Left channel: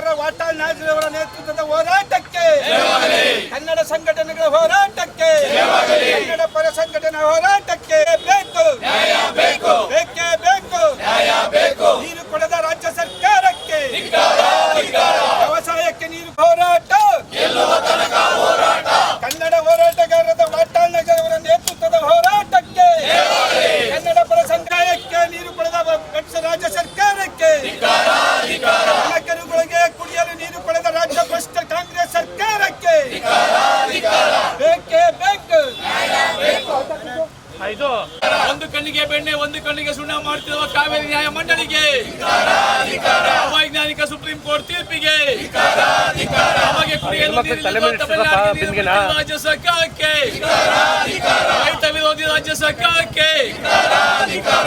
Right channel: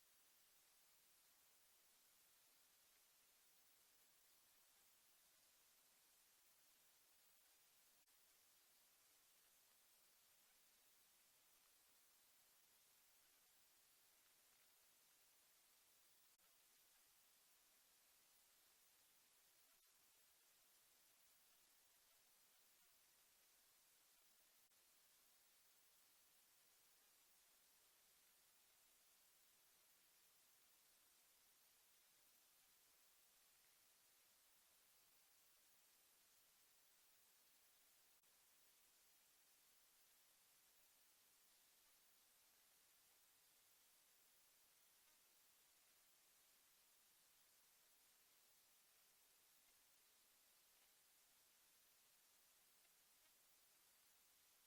ಹೋರಾಟಗಾರರ ವಾಟಾಳ್ ನೇತೃತ್ವದ ಹೋರಾಟಕ್ಕೆ. ಕನ್ನಡ ಸಂಘಟನೆಗಳ ಹೋರಾಟಕ್ಕೆ. ಕನ್ನಡ ಪರ ಸಂಘಟನೆ ಹೋರಾಟಕ್ಕೆ ಬೇಕು ಬೇಕೇ ಬೇಕು ನೀರು ಕೊಡದ ರಾಜ್ಯ ಸರ್ಕಾರಕ್ಕೆ ವ್ಯವಸಾಯಕ್ಕೆ ನೀರು ಹೋರಾಟ ಕನ್ನಡ ಹೋರಾಟಗಾರರ ವಾಟಾಳ್ ನಗರವರ ನೇತೃತ್ವದ ಹೋರಾಟಕ್ಕೆ ಕನ್ನಡ ಪರ ಸಂಘಕ್ಕೆ ನೀರು ಕೊಡದ ರಾಜ್ಯ- ರಾಜ್ಯ ಸರ್ಕಾರಕ್ಕೆ ನಗರಗಳಿಗೆ ಕುಡಿಯಲು ನೀರು ಕೊಡದ ರಾಜ್ಯ ಭ್ರಷ್ಟ ಕಾಂಗ್ರೆಸ್ ಸರ್ಕಾರಕ್ಕೆ ಬೇಕೇ ಬೇಕು ಒಂದು ಕಣ್ಣಿಗೆ ಬೆಣ್ಣೆ ಒಂದು ಕಣ್ಣಿಗೆ ಸುಣ್ಣ ಮಾಡ್ತಿರುವ ಕಾವೇರಿ ನ್ಯಾಯ ಮಂಡಳಿಗೆ ಅವೈಜ್ಞಾನಿಕ ಸುಪ್ರೀಂ ಕೋರ್ಟ್ ತೀರ್ಪಿಗೆ ನಮಗೆ ಕುಡಿಯಲು ನೀರಿಲ್ಲದ ತಮಿಳುನಾಡಿಗೆ ನೀರು ಬಿಟ್ಟಿರುವ ರಾಜ್ಯ ಸರ್ಕಾರಕ್ಕೆ. ರೈತ ವಿರೋಧಿ ರಾಜ್ಯ ಸರ್ಕಾರಕ್ಕೆ.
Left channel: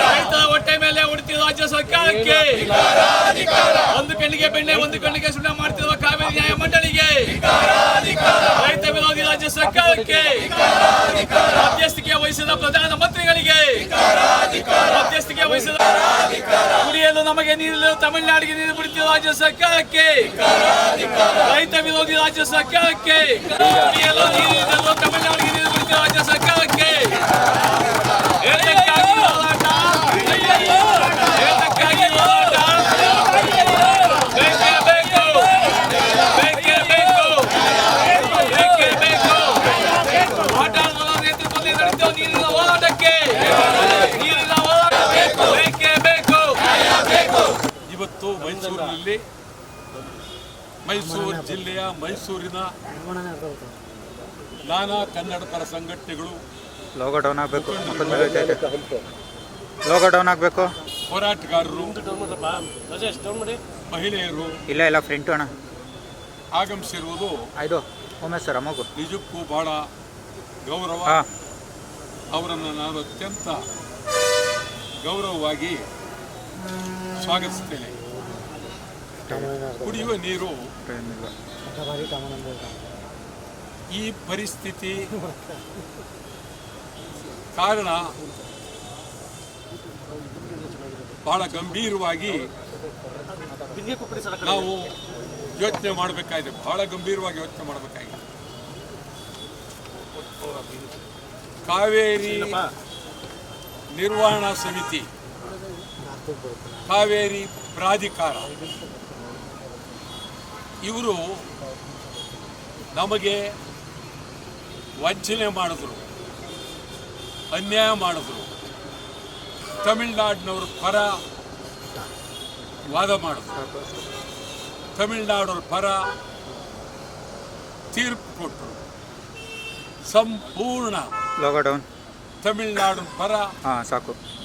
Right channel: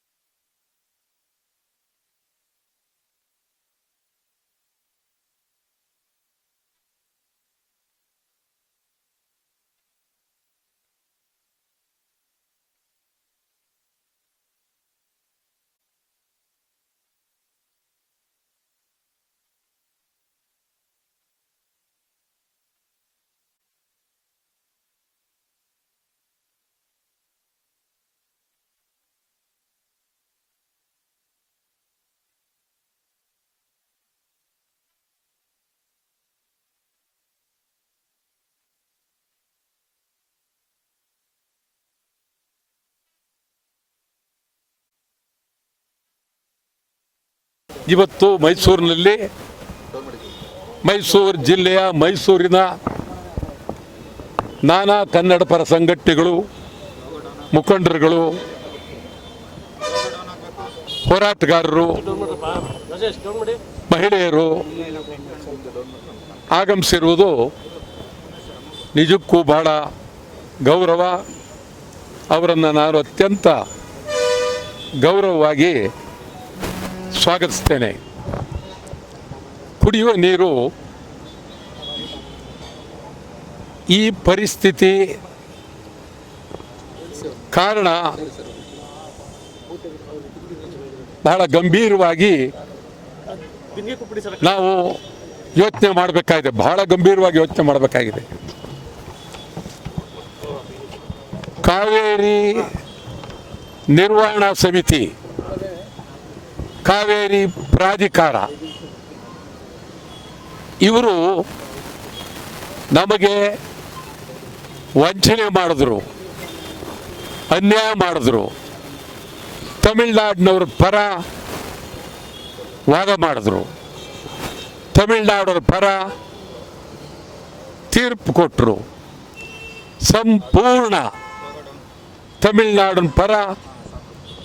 ರೈತರ ಹೊಟ್ಟೆ ಮೇಲೆ ಉಳಿತಿರುವ ರಾಜ್ಯ ಸರ್ಕಾರಕ್ಕೆ. ಒಂದು ಕಣ್ಣಿಗೆ ಬೆಣ್ಣೆ ಒಂದು ಕಣ್ಣಿಗೆ ಸುಣ್ಣ ಮಾಡ್ತಿರುವ ನ್ಯಾಯ ಮಂಡಳಿಗೆ. ರೈತ ವಿರೋಧಿ ರಾಜ್ಯ ಸರ್ಕಾರಕ್ಕೆ. ಮಧ್ಯಸ್ಥಿಕೆ ವಹಿಸಿದ ಪ್ರಧಾನ ಮಂತ್ರಿಗಳಿಗೆ. ಮಧ್ಯಸ್ಥಿಗೆ ವಹಿಸಿದ ಕುಡಿಯಲು ನಮಗೆ ನೀರಿಲ್ಲ ತಮಿಳುನಾಡಿಗೆ ನೀರು ಬಿಡುತ್ತಿರುವ ರಾಜ್ಯ ಸರ್ಕಾರಕ್ಕೆ. ರೈತ ವಿರೋಧಿ ರಾಜ್ಯ ಸರ್ಕಾರಕ್ಕೆ. ಕುಡಿಯಲು ನೀರಿಲ್ಲ ತಮಿಳುನಾಡಿಗೆ ನೀರು ಬಿಡುತ್ತಿರುವ ರಾಜ್ಯ ಸರ್ಕಾರಕ್ಕೆ ಏತಕ್ಕಾಗಿ ಹೋರಾಟ ಏತಕ್ಕಾಗಿ ಹೋರಾಟ ಬೇಕೇ ಬೇಕು ಬೇಕೇ ಬೇಕು ಬೇಕೇ ಬೇಕು ಹೋರಾಟಗಾರರ ನೇತೃತ್ವದಲ್ಲಿ ನಡೆಯುವ ನೀರಿನ ಹೋರಾಟಕ್ಕೆ ನೀರಿನ ಹೋರಾಟ ಬೇಕೇ ಬೇಕು ಇವತ್ತು ಮೈಸೂರಿನಲ್ಲಿ ಮೈಸೂರು ಜಿಲ್ಲೆಯ ಮೈಸೂರಿನ ನಾನಾ ಕನ್ನಡ ಪರ ಸಂಘಟನೆಗಳು, ಮುಖಂಡರುಗಳು, ಹೋರಾಟಗಾರರು, ಮಹಿಳೆಯರು, ಆಗಮಿಸಿರುವುದು ನಿಜಕ್ಕೂ ಬಹಳ ಗೌರವ. ಅವರನ್ನು ನಾನು ಅತ್ಯಂತ ಗೌರವವಾಗಿ ಸ್ವಾಗತಿಸ್ತೇನೆ. ಕುಡಿಯುವ ನೀರು ಈ ಪರಿಸ್ಥಿತಿ ಕಾರಣ ಬಹಳ ಗಂಭೀರವಾಗಿ ನಾವು ಯೋಚನೆ ಮಾಡಬೇಕಾಗಿದೆ. ಬಹಳ ಗಂಭೀರವಾಗಿ ಯೋಚನೆ ಮಾಡಬೇಕಾಗಿದೆ. ಕಾವೇರಿ ನಿರ್ವಹಣಾ ಸಮಿತಿ ಕಾವೇರಿ ಪ್ರಾಧಿಕಾರ. ಇವರು ನಮಗೆ ವಂಚನೆ ಮಾಡಿದ್ರು ಅನ್ಯಾಯ ಮಾಡಿದ್ರು. ತಮಿಳ್ನಾಡಿನವ್ರ ಪರ ವಾದ ಮಾಡಿದ್ರು. ತಮಿಳ್ನಾಡವ್ರ ಪರ ತೀರ್ಪು ಕೊಟ್ಟರು ಸಂಪೂರ್ಣ ತಮಿಳ್ನಾಡಿನ ಪರ ಹಾಂ ಸಾಕು.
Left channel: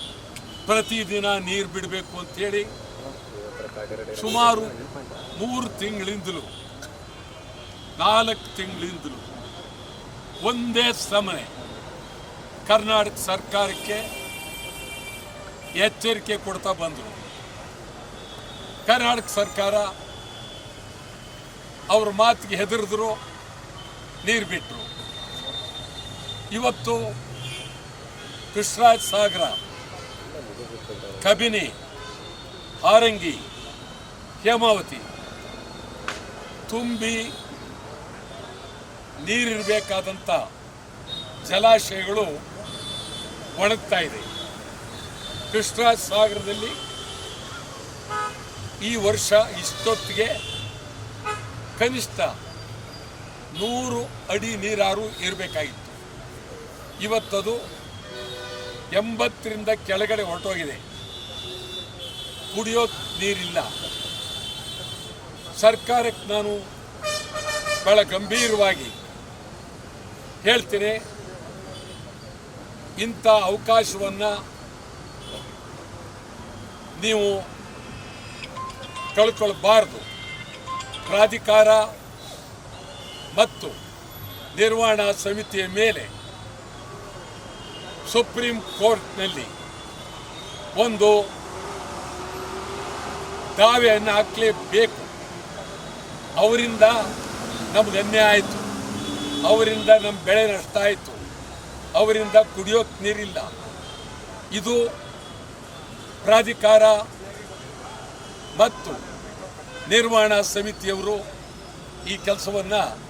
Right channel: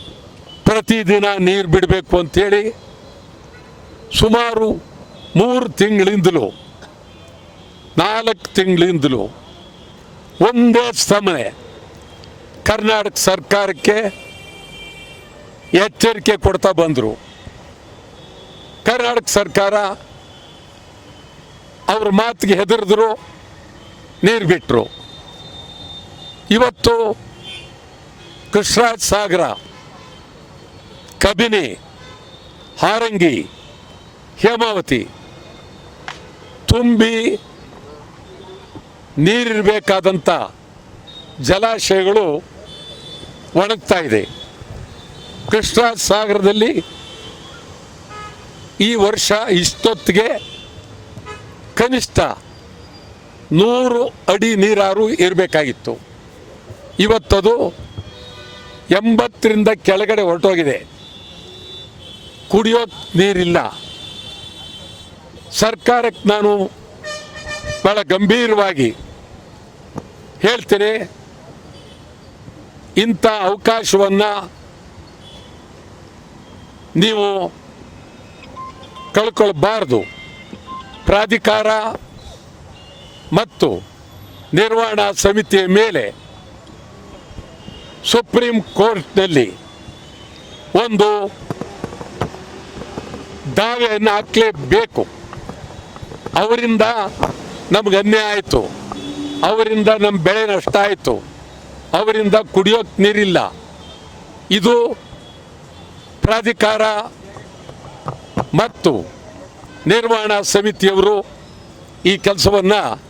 ಪ್ರತಿದಿನ ನೀರು ಬಿಡಬೇಕು ಅಂಥೇಳಿ ಸುಮಾರು ಮೂರು ತಿಂಗಳಿಂದಲೂ, ನಾಲ್ಕು ತಿಂಗಳಿಂದಲೂ ಒಂದೇ ಸಮಯ ಕರ್ನಾಟಕ ಸರ್ಕಾರಕ್ಕೆ ಎಚ್ಚರಿಕೆ ಕೊಡ್ತಾ ಬಂದರು. ಕರ್ನಾಟಕ ಸರ್ಕಾರ ಅವ್ರ ಮಾತಿಗೆ ಹೆದರಿದ್ರು, ನೀರು ಬಿಟ್ಟರು ಇವತ್ತು ಕೃಷ್ಣರಾಜ ಸಾಗರ ಕಬಿನಿ, ಹಾರಂಗಿ, ಹೇಮಾವತಿ. ತುಂಬಿ ನೀರಿರಬೇಕಾದಂಥ ಜಲಾಶಯಗಳು ಒಣಗ್ತಾ ಇದೆ. ಕೃಷ್ಣ ಸಾಗರದಲ್ಲಿ ಈ ವರ್ಷ ಇಷ್ಟೊತ್ತಿಗೆ ಕನಿಷ್ಠ ನೂರು ಅಡಿ ನೀರಾರು ಇರಬೇಕಾಗಿತ್ತು. ಇವತ್ತದು ಎಂಬತ್ತರಿಂದ ಕೆಳಗಡೆ ಹೊರಟೋಗಿದೆ. ಕುಡಿಯೋ ನೀರಿಲ್ಲ. ಸರ್ಕಾರಕ್ಕೆ ನಾನು ಬಹಳ ಗಂಭೀರವಾಗಿ ಹೇಳ್ತೇನೆ, ಇಂಥ ಅವಕಾಶವನ್ನ ನೀವು ಕಳ್ಕೊಳ್ಬಾರ್ದು. ಪ್ರಾಧಿಕಾರ ಮತ್ತು ನಿರ್ವಹಣಾ ಸಮಿತಿಯ ಮೇಲೆ ಸುಪ್ರೀಂ ಕೋರ್ಟ್ನಲ್ಲಿ ಒಂದು ದಾವೆಯನ್ನು ಹಾಕಲೇಬೇಕು. ಅವರಿಂದ ನಮ್ಗೆ ಅನ್ಯಾಯ ಆಯಿತು. ಅವರಿಂದ ನಮ್ಮ ಬೆಳೆ ನಷ್ಟ ಆಯಿತು. ಅವರಿಂದ ಕುಡಿಯೋಕ್ಕೆ ನೀರಿಲ್ಲ. ಇದು ಪ್ರಾಧಿಕಾರ ಮತ್ತು ನಿರ್ವಹಣಾ ಸಮಿತಿಯವರು ಈ ಕೆಲಸವನ್ನು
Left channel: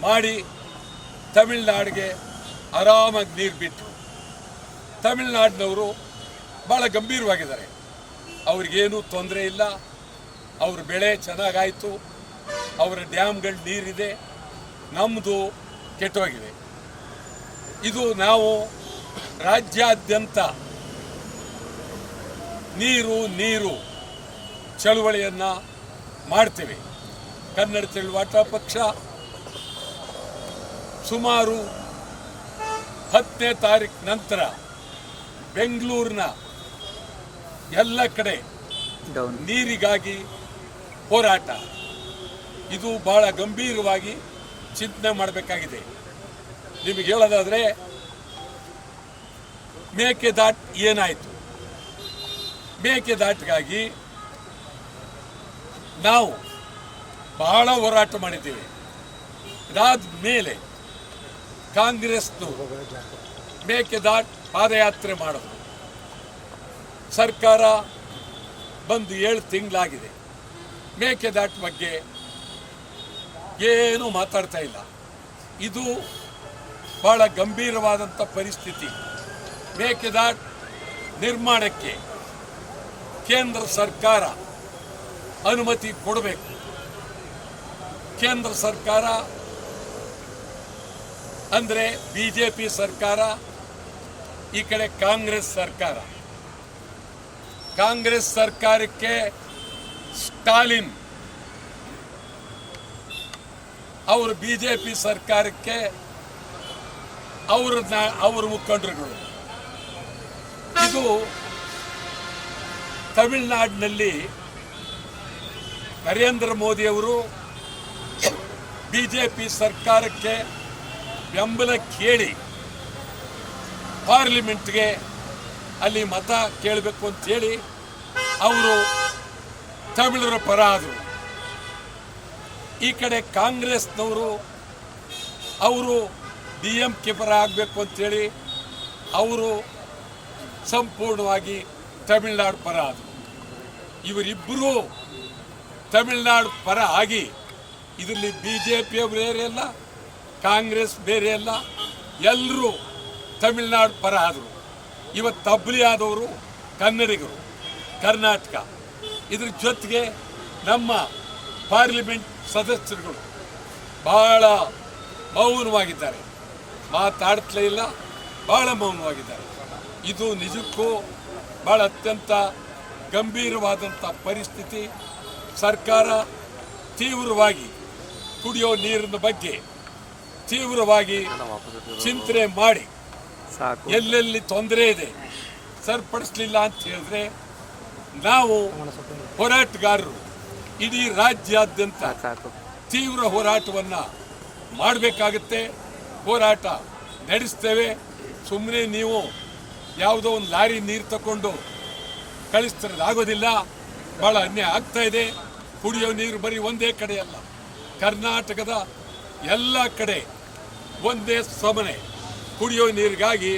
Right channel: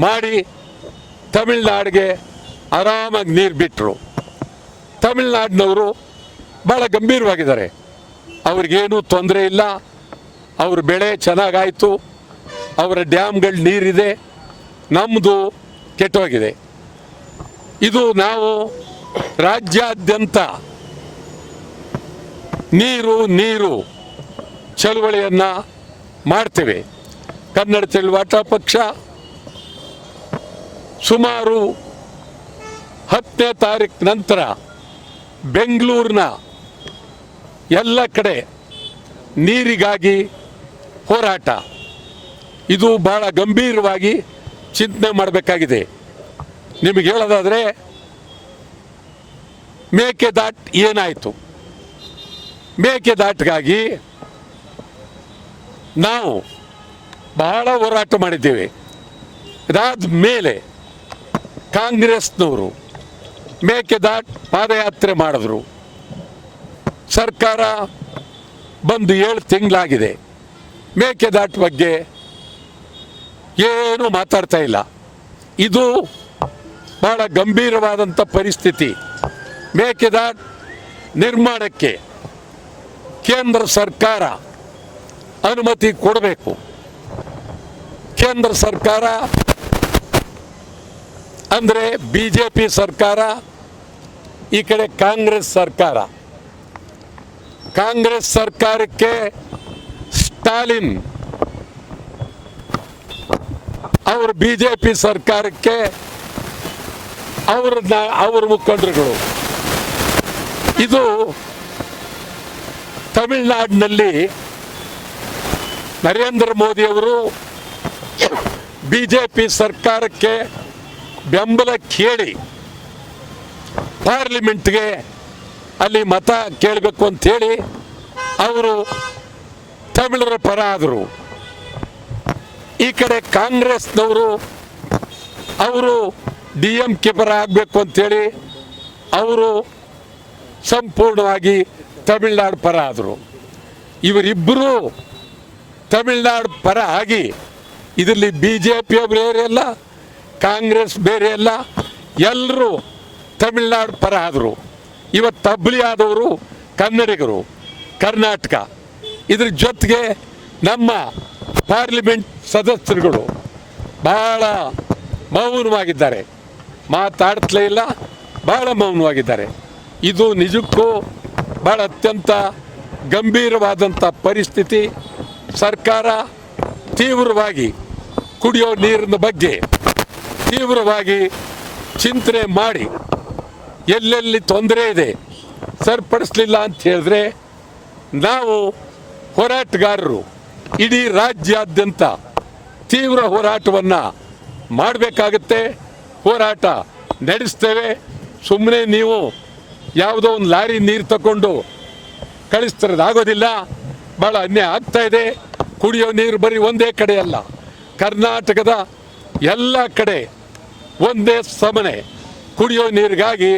ಮಾಡಿ ತಮಿಳ್ನಾಡಿಗೆ ಆರಾಮಾಗಿ ನೀರು ಬಿಟ್ಟರು ತಮಿಳ್ನಾಡಿನವರು ಭಾಳ ಗಂಭೀರವಾಗಿದ್ದಾರೆ. ಅವ್ರಿಗೇನು ತೊಂದರೆ ಇಲ್ಲ. ಅವ್ರ ಬೆಳೆ ಚೆನ್ನಾಗಾಯಿತು. ಅವರ ಡ್ಯಾಮ್ಗಳು ನೀರಿದೆ. ನಮ್ಮದು ಕೆಟ್ಟೋಗಿದೆ. ಇದು ನಾವು ರಾಜ್ಯಾದ್ಯಂತ ನೀರು ನೀರು ಚಳುವಳಿಯನ್ನ ಮಾಡ್ತೇವೆ. ಕನ್ನಡ ತಿಳುವಾಟ ಪಕ್ಷ ಸುಮಾರು ಹತ್ತನೇ ತಾರೀಕು ನಂತರ ಬೆಂಗಳೂರಿನ ಎಲ್ಲ ಕಡೆ ನೀರಿಗಾಗಿ ಹೋರಾಟ. ಇದು ಬಹಳ ಗಂಭೀರವಾಗಿ ಚಿಂತನೆ ಮಾಡಬೇಕಾಗಿದೆ. ನಿಮಗೆ ಹೇಳೋದಾದ್ರೆ ಮೇಕೆದಾಟ್ ಏನಾಯಿತು? ಮೇಕೆದಾಟ್ಗಾಗಿ ನಾವು ಬಹಳ ಹೋರಾಟ ಮಾಡಿದ್ದೇವೆ. ಇದಾದ ಮೇಲೆ ಕಾಂಗ್ರೆಸ್ನವರು ಮೇಕೆದಾಟ್ ಪಾದಯಾತ್ರೆ ಮಾಡಿದ್ರು. ಸರ್ಕಾರ ಬಂದು ಏಳು ತಿಂಗಳಾಗಿದೆ. ಮೇಕೆದಾಟ್ ಬಗ್ಗೆ ಏನು ಮಾತಾಡ್ತಾ ಇಲ್ಲ. ಇದು ಬಹಳ ಗಂಭೀರವಾದಂಥ ಪರಿಸ್ಥಿತಿ. ಮೇಕೆದಾಟ್ ನಿರ್ಮಾಣಕ್ಕೆ ಕೇಂದ್ರ ಸರ್ಕಾರ ಅನುಮತಿ ಕೊಡಬೇಕು. ಕೇಂದ್ರ ಸರ್ಕಾರ ಅಂದರೆ ಬಿ ಜೆ ಪಿ ಸರ್ಕಾರ, ಈ ಕಡೆ ಕಾಂಗ್ರೆಸ್ ಸರ್ಕಾರ. ಕಾಂಗ್ರೆಸ್ ಸರ್ಕಾರಕ್ಕೆ ಸ್ಟಾಲಿನ್ ಅವರು ಬಿಜೆಪಿ ಸರ್ಕಾರಕ್ಕೆ ಅವರ ಅವರ ಮುಖಂಡರುಗಳು. ಇದು ತಮಿಳುನಾಡಿನಲ್ಲಿ ನರೇಂದ್ರ ಮೋದಿ ಅವರು ಬಿಜೆಪಿ ಸರ್ಕಾರಕ್ಕೆ ಬೆಂಬಲ ಕೇಳಿ ಪಾರ್ಲಿಮೆಂಟ್ಗೆ ಅಲ್ಲಿ ಮತ ಕೇಳಬೇಕು ಅಂತೇಳಿ ಅವರು ತಮಿಳರ ಪರ ಆದರು. ಈ ಕಡೆ ಕಾಂಗ್ರೆಸ್ನವರು ಅವರು ಡಿ ಎಂ ಕೆ ಪರ ಆಗಬೇಕು ಅಂತೇಳಿ ಅವರು ಸಂಪೂರ್ಣವಾಗಿ ತಮಿಳ್ನಾಡು ಪರ ಆದರು. ಇವರಿಬ್ಬರು ತಮಿಳ್ನಾಡು ಪರ ಆಗಿ ಇದರಲ್ಲಿ ಬಿ ಜೆ ಪಿ ಬೇರೆ ಅಲ್ಲ, ಕಾಂಗ್ರೆಸ್ ಬೇರೆ ಅಲ್ಲ ಎಲ್ಲರೂ ತಮಿಳ್ನಾಡು ಪರ ಆದರು. ಇವತ್ತು ತಬ್ಲಿ ಆದವರು ಕನ್ನಡಿಗರು, ಕರ್ನಾಟಕ. ಇದ್ರ ಜೊತೆಗೆ ನಮ್ಮ ಪಾರ್ಲಿಮೆಂಟ್ ಸದಸ್ಯರುಗಳು ಬಹಳ ಮೌನವಾಗಿದ್ದಾರೆ. ಮಾತಾಡ್ತಲೇ ಇಲ್ಲ, ಬಹಳ ಮೌನವಾಗಿದ್ದಾರೆ. ಇದು ನಿಜಕ್ಕೂ ಬಹಳ ಅತ್ಯಂತ ಗಂಭೀರವಾದಂಥ ಪರಿಸ್ಥಿತಿ. ಸರ್ಕಾರ ತೀವ್ರವಾಗಿ ಕುಡಿಯೋ ನೀರಿನ ಬಗ್ಗೆ ತೀವ್ರವಾಗಿ ಚಿಂತನೆ ಮಾಡಿ ಎಲ್ಲೆಲ್ಲಿ ತೊಂದರೆ ಇದೆ ಸರಿಪಡಿಸ್ಲಿಲ್ಲ ಅಂತ ಹೇಳಿದ್ರೆ ನಾವು ಹೋರಾಟಗಾರರು ಇಡೀ ರಾಜ್ಯಾದ್ಯಂತ ತೀವ್ರ ಹೋರಾಟವನ್ನ ಮಾಡಬೇಕಾಗತ್ತೆ. ಹೋರಾಟ ನಡೆಸ್ತೇವೆ. ಸುಮ್ಮನೆ ನೀವು ಯಾವುದೋ ಒಂದು ಲಾರಿ ನೀರು ತಗೊಂಡು ಕಳಿಸ್ತಿರೋದಾಗೋದಿಲ್ಲ. ಭಾಳ ಅನ್ಯಾಯ ಆಗ್ತಾ ಇದೆ. ಕುಡಿಯೋ ನೀರು ಬರೀ ಒಂದೇ ಕಡೆ ಅಲ್ಲ. ಕರ್ನಾಟಕದ ಎಲ್ಲ ಕಡೆ ಒಂದೇ ಸಮನೆ. ಕುಡಿಯೋ ನೀರಿಗಾಗಿ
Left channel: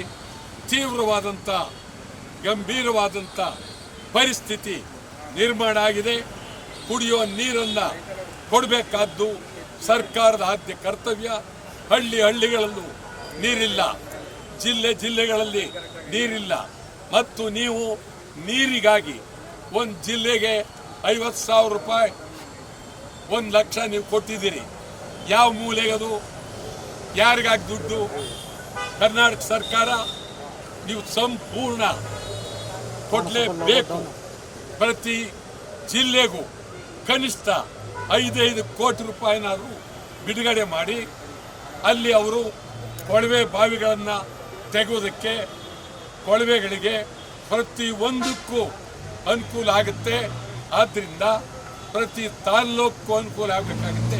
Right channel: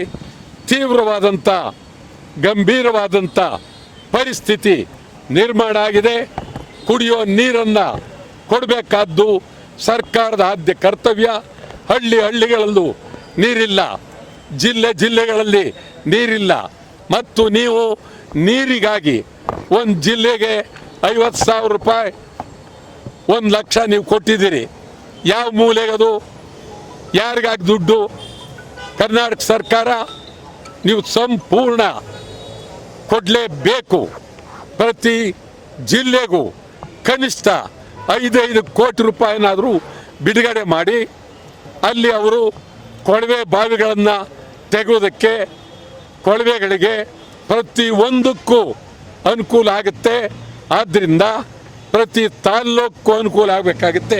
ತೀವ್ರವಾದಂಥ ಗಂಭೀರವಾದಂಥ ಪರಿಸ್ಥಿತಿ ನಿರ್ಮಾಣ ಆಗಿದೆ. ಕುಡಿಯೋ ನೀರನ್ನು ಕೊಡಬೇಕಾದ್ದು ಸರ್ಕಾರದ ಆದ್ಯ ಕರ್ತವ್ಯ. ಹಳ್ಳಿ ಹಳ್ಳಿಗಳಲ್ಲೂ ನೀರಿಲ್ಲ. ಜಿಲ್ಲೆ ಜಿಲ್ಲೆಗಳಲ್ಲಿ ನೀರಿಲ್ಲ. ಮತ್ತು ನೀವು ನೀರಿಗಾಗಿ ಒಂದು ಜಿಲ್ಲೆಗೆ ಐವತ್ತು ಸಾವಿರ ರೂಪಾಯಿ, ಒಂದು ಲಕ್ಷ ನೀವು ಕೊಟ್ಟಿದ್ದೀರಿ. ಯಾವ ಮೂಲೆಗದು? ಯಾರಿಗಾಗಿ ದುಡ್ಡು? ಕರ್ನಾಟಕ ಸರ್ಕಾರ ನೀವು ಸಂಪೂರ್ಣ ಕೊಡಲೇಬೇಕು. ಪ್ರತಿ ಜಿಲ್ಲೆಗೂ ಕನಿಷ್ಠ ಐದೈದು ಕೋಟಿ ರೂಪಾಯಿನಾದರೂ ಬಿಡುಗಡೆ ಮಾಡಿ, ಅಲ್ಲಿ ಅವರು ಕೊಳವೆ ಬಾವಿಗಳನ್ನು ತೆಗೆಯೋದಕ್ಕೆ ಕೊಳವೆಗಳಿಗೆ ಪ್ರತಿ ಒಂದಕ್ಕೂ ಅನುಕೂಲ ಆಗುತ್ತೆ. ಆದ್ದರಿಂದ ಪ್ರತಿ ತಾಲ್ಲೂಕು ಅನುಕೂಲ ಆಗಬೇಕಾಗುತ್ತೆ.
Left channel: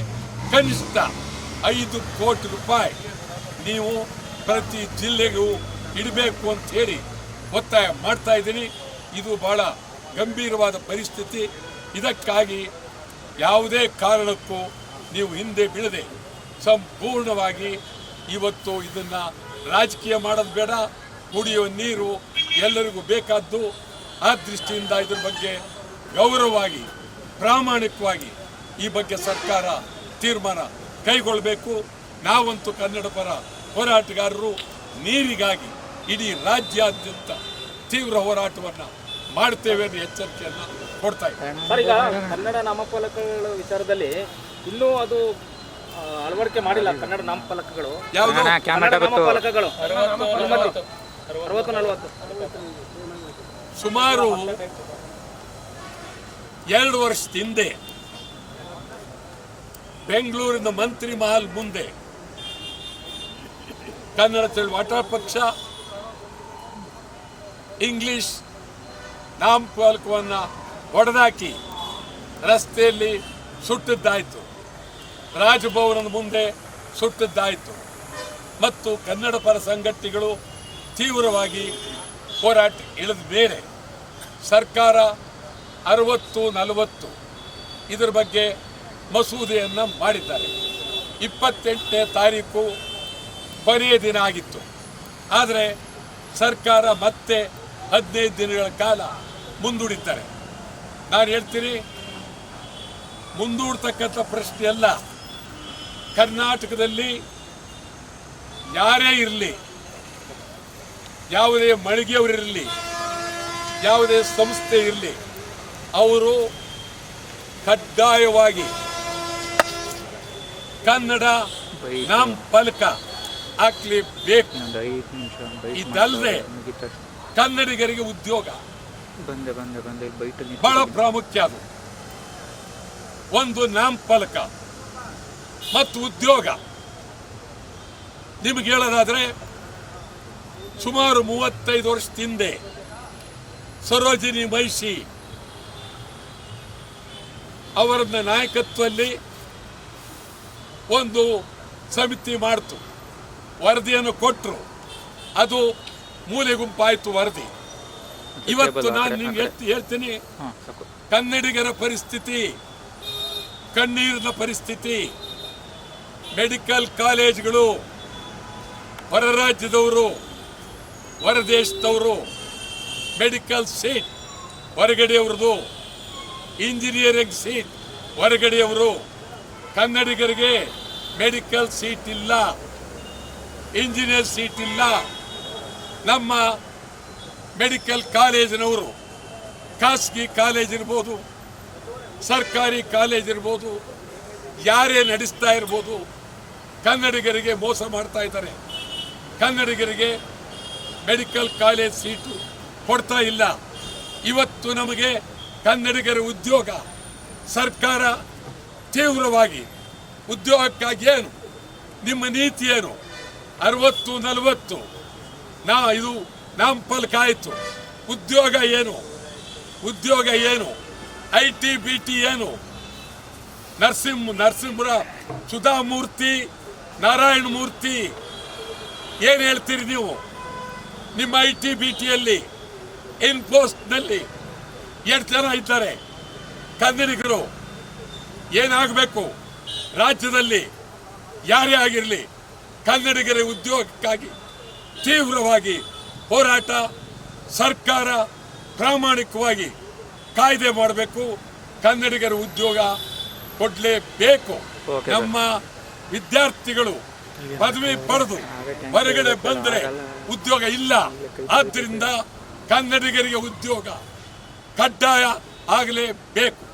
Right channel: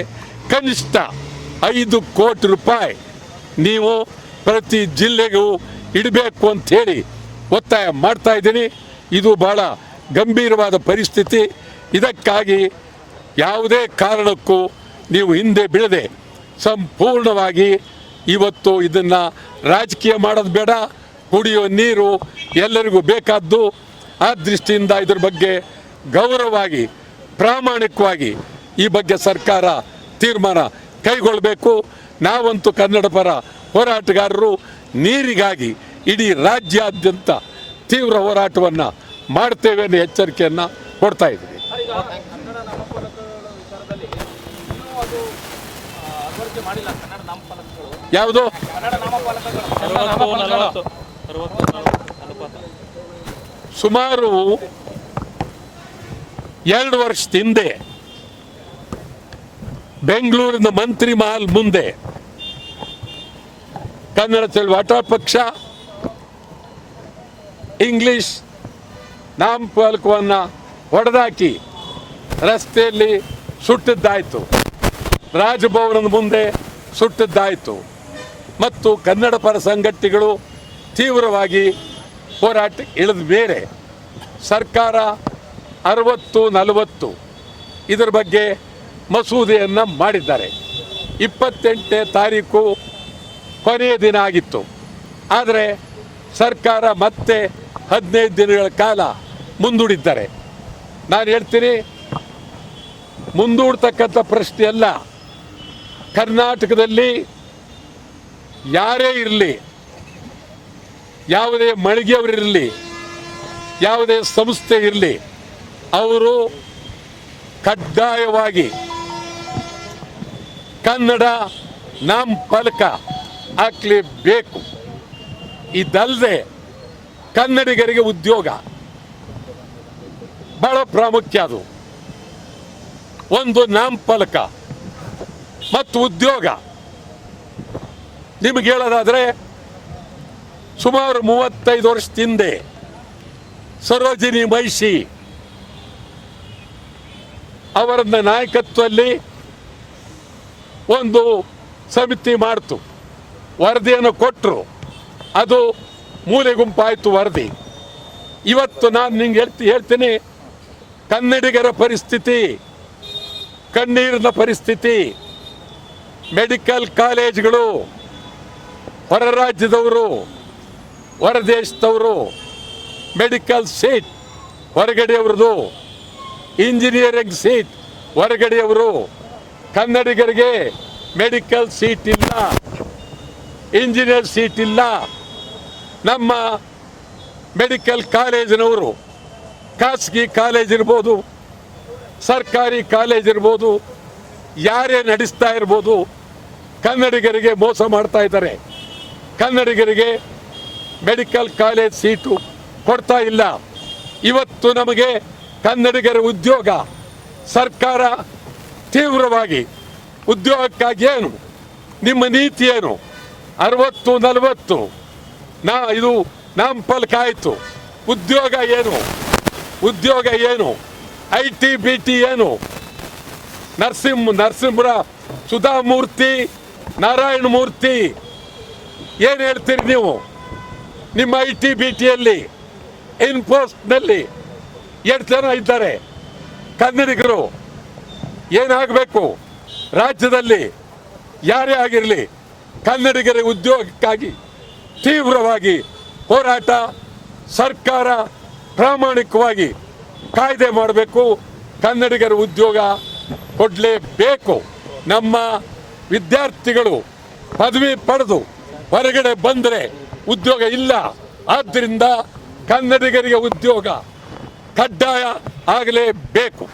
ಕನಿಷ್ಠ ಐದು ಕೋಟಿ ರೂಪಾಯಿ ನೀವು ಪ್ರತಿ ಜಿಲ್ಲೆಗೂ ಇಡಬೇಕು ಹೇಳಿ ಒತ್ತಾಯ ಮಾಡ್ತಾ ಇದ್ದೀನಿ. ಇದು ಬಹಳ ಗಂಭೀರವಾದ ಪರಿಸ್ಥಿತಿ. ಇದಕ್ಕಾಗಿ ಯಾವುದೇ ಕಾರಣಕ್ಕೂ ನೀವು ಹಿಂದೆ ಬೀಳದೆ ಸಂಪೂರ್ಣವಾಗಿ ಇವತ್ತು ಇದನ್ನ ರಾಜಕೀಯ ಮಾಡೋದು ಬೇಡ. ಕುಡಿಯೋ ನೀರು ಎಲ್ಲರಿಗೂ ಬೇಕಾದ್ದು. ಆ ದೃಷ್ಟಿಯಿಂದ ಇದ್ರ ಬಗ್ಗೆ ಗೌರವವಾಗಿ ಪ್ರಾಮಾಣಿಕವಾಗಿ ಈ ಬಗ್ಗೆ ಸರ್ಕಾರ ತೀರ್ಮಾನ ಕೈಗೊಳ್ಳಬೇಕು. ನಾವಂತೂ ಕನ್ನಡ ಪರ ಹೋರಾಟಗಾರರು ನೀರಿಗಾಗಿ ಇಡೀ ರಾಜ್ಯಾದ್ಯಂತ ತೀವ್ರ ಹೋರಾಟವನ್ನ ಮಾಡ್ತೇವೆ ಅನ್ನೋ ಎಚ್ಚರಿಕೆಯನ್ನ ಕೊಡ್ತಾ ಇದೆ ಸರ್ ಈಗ ಕನ್ನಡ ನಾಮಫಲಕಗಳ ವಿಚಾರದಲ್ಲಿ ಇನ್ನೂ ಅದು ಅಳವಡಿಕೆ ಮಾಡಿಲ್ಲ ಕನ್ನಡ ನಾಮಫಲಕಗಳು. ಯಾವುದು? ಸುಮಾರು ಎರಡು ವರ್ಷದ ಹಿಂದೆ ಬೆಂಗಳೂರಿನ ಮಂತ್ರಿ ಮಹಲ್ ಮುಂದೆ ಕನ್ನಡ ವಾಟಾ ಪಕ್ಷ ಇಂಗ್ಲಿಷ್ ನಾಮಫಲಕವನ್ನು ಹೊಡೆದಾಕಿ ರಸ್ತೆಯಲ್ಲಿ ಸುಟ್ಟಿದ್ದಾಯಿತು. ರಾಜಭವನದ ಮುಂದೆ ಸುಟ್ಟಿದ್ದಾಯಿತು. ಮತ್ತು ಕನ್ನಡ ಪರ ಸಂಘಟನೆಗಳು ತೀವ್ರವಾಗಿ ಹೋರಾಟ ಇಳಿದ ಮೇಲೆ ಸರ್ಕಾರ ಅರವತ್ತು, ನಲವತ್ತು ಇದರ ಬಗ್ಗೆ ಮಸೂದೆಯನ್ನು ಮಾಡಿದ್ದಾರೆ. ಇಪ್ಪತ್ತೆಂಟನೇ ತಾರೀಕು ಕೊನೆಯ ದಿನ ಆಗಿತ್ತು. ಆದರೆ ಸರ್ಕಾರ ಮತ್ತೆ ಹದಿನೈದು ದಿನಗಳ ಕಾಲ ಮುಂದೂಡಿದ್ದಾರೆ. ನಾನು ಹೇಳ್ತೀನಿ, ಮುಂದೂಡ್ತಕ್ಕಂಥ ಪ್ರಶ್ನೆಯಲ್ಲ ಕರ್ನಾಟಕದಲ್ಲಿ ಯಾರೇ ಇರಲಿ, ಯಾವುದೇ ಮಳಿಗೆಯವರಿರಲಿ ಯಾವುದೇ ಸಂಸ್ಥೆ ಇರಲಿ, ಅವರು ಕಡ್ಡಾಯವಾಗಿ ಕನ್ನಡ ನಾಮಫಲಕ ಹಾಕ್ಲೇಬೇಕು. ಇದಲ್ಲದೆ ಕನ್ನಡಿಗರಿಗೆ ಉದ್ಯೋಗ. ಬಹಳ ಪ್ರಾಮುಖ್ಯ ಅದು. ಒಂದು ನಾಮಫಲಕ ಮತ್ತು ಉದ್ಯೋಗ. ನಿಮಗೆ ಹೇಳೋದಾದ್ರೆ ಸುಮಾರು ಮೂವತ್ತೈದು ವರ್ಷ ಹಿಂದೆ ಸರೋಜಿನಿ ಮಹಿಷಿ ಅವರನ್ನ ನಾಯಕತ್ವದಲ್ಲಿ ಒಂದು ಸಮಿತಿ ಮಾಡ್ತು. ವರದಿಯನ್ನು ಕೊಟ್ಟರು ಅದು ಮೂಲೆ ಗುಂಪಾಯಿತು ವರದಿ. ಇವತ್ತು ನಾನು ನಿಮ್ಗೆ ಹೇಳ್ತಿ, ಹೇಳ್ತೀನಿ. ಕನ್ನಡಿಗರ ಪರಿಸ್ಥಿತಿ, ಕಣ್ಣೀರಿನ ಪರಿಸ್ಥಿತಿ, ಮೆಡಿಕಲ್ ಕಾಲೇಜ್ಗಳು ಹೊರ ರಾಜ್ಯದವರು ಹೊರ ದೇಶದವರು ಮೆಡಿಕಲ್ ಸೀಟ್ ಹೊರಗಡೆಯವ್ರದ್ದು ಇಂಜಿನಿಯರಿಂಗ್ ಸೀಟ್, ಹೊರಗಡೆಯವರು, ಕನ್ನಡಿಗರಿಗೆ ಮೆಡಿಕಲ್ ಸೀಟ್ ಇಲ್ಲ. ಇಂಜಿನಿಯರ್ ಸೀಟ್ ಇಲ್ಲ. ನಮ್ಮ ಮೆಡಿಕಲ್ ಕಾಲೇಜಿನವರು, ಖಾಸಗಿ ಕಾಲೇಜ್ ಇರ್ಬೋದು, ಸರ್ಕಾರಿ ಕಾಲೇಜ್ ಇರ್ಬೋದು, ಯಾರೇ ನಡೆಸ್ತಾ ಇರ್ಬೋದು, ಕನ್ನಡಿಗರಿಗೆ ಮೋಸ ಮಾಡ್ತಾ ಇದ್ದಾರೆ. ಕನ್ನಡಿಗರಿಗೆ ಮೆಡಿಕಲ್ ಕಾಲೇಜ್ ಸೀಟು ಕೊಡ್ತಾ ಇಲ್ಲ. ಇವತ್ತು ನಮಗೆ ಕನ್ನಡಿಗರ ಉದ್ಯೋಗ, ಸರ್ಕಾರ ತೀವ್ರವಾಗಿ, ಉದ್ಯೋಗಕ್ಕಾಗಿ ಏನು, ನಿಮ್ಮ ನೀತಿ ಏನು? ಅರವತ್ತು ನಲವತ್ತು. ನಾ ಇದು ನಮ್ಮ ಪಲ್ಕಾಯ್ತು ಉದ್ಯೋಗ ಏನು? ಉದ್ಯೋಗ ಏನು? ಐ ಟಿ, ಬಿ ಟಿ ಏನು? ನರಸಿಂಹ ನರಸಿಂಹರ ಸುಧಾಮೂರ್ತಿ, ನಾರಾಯಣ ಮೂರ್ತಿ, ಏನು ಹೇಳ್ತೀರಿ ನೀವು? ನಿಮ್ಮ ಐ ಟಿ, ಬಿ ಟಿಯಲ್ಲಿ ಇನ್ಪೋಸ್ಟ್ನಲ್ಲಿ ಎಷ್ಟು ಜನ ಇದ್ದಾರೆ. ಕನ್ನಡಿಗರು ಏನಾಗಬೇಕು ರಾಜ್ಯದಲ್ಲಿ ಯಾರೇ ಆಗಿರಲಿ ಕನ್ನಡಿಗರ ಉದ್ಯೋಗಕ್ಕಾಗಿ ತೀವ್ರವಾಗಿ ಹೋರಾಟ ಸರ್ಕಾರ ಪ್ರಾಮಾಣಿಕವಾಗಿ ಕಾಯ್ದೆ ಮಾಡಬೇಕು. ಕನ್ನಡಿಗರ ಉದ್ಯೋಗ ಕೊಡಲೇಬೇಕು. ನಮ್ಮ ವಿದ್ಯಾರ್ಥಿಗಳು ಪದವಿ ಪಡೆದು ಹೊರಗಡೆ ಬಂದರೆ ಉದ್ಯೋಗ ಇಲ್ಲ. ಆದ್ದರಿಂದ ಕನ್ನಡಿಗರಿಗೆ ಉದ್ಯೋಗ ಕಡ್ಡಾಯ ಆಗಲೇಬೇಕು.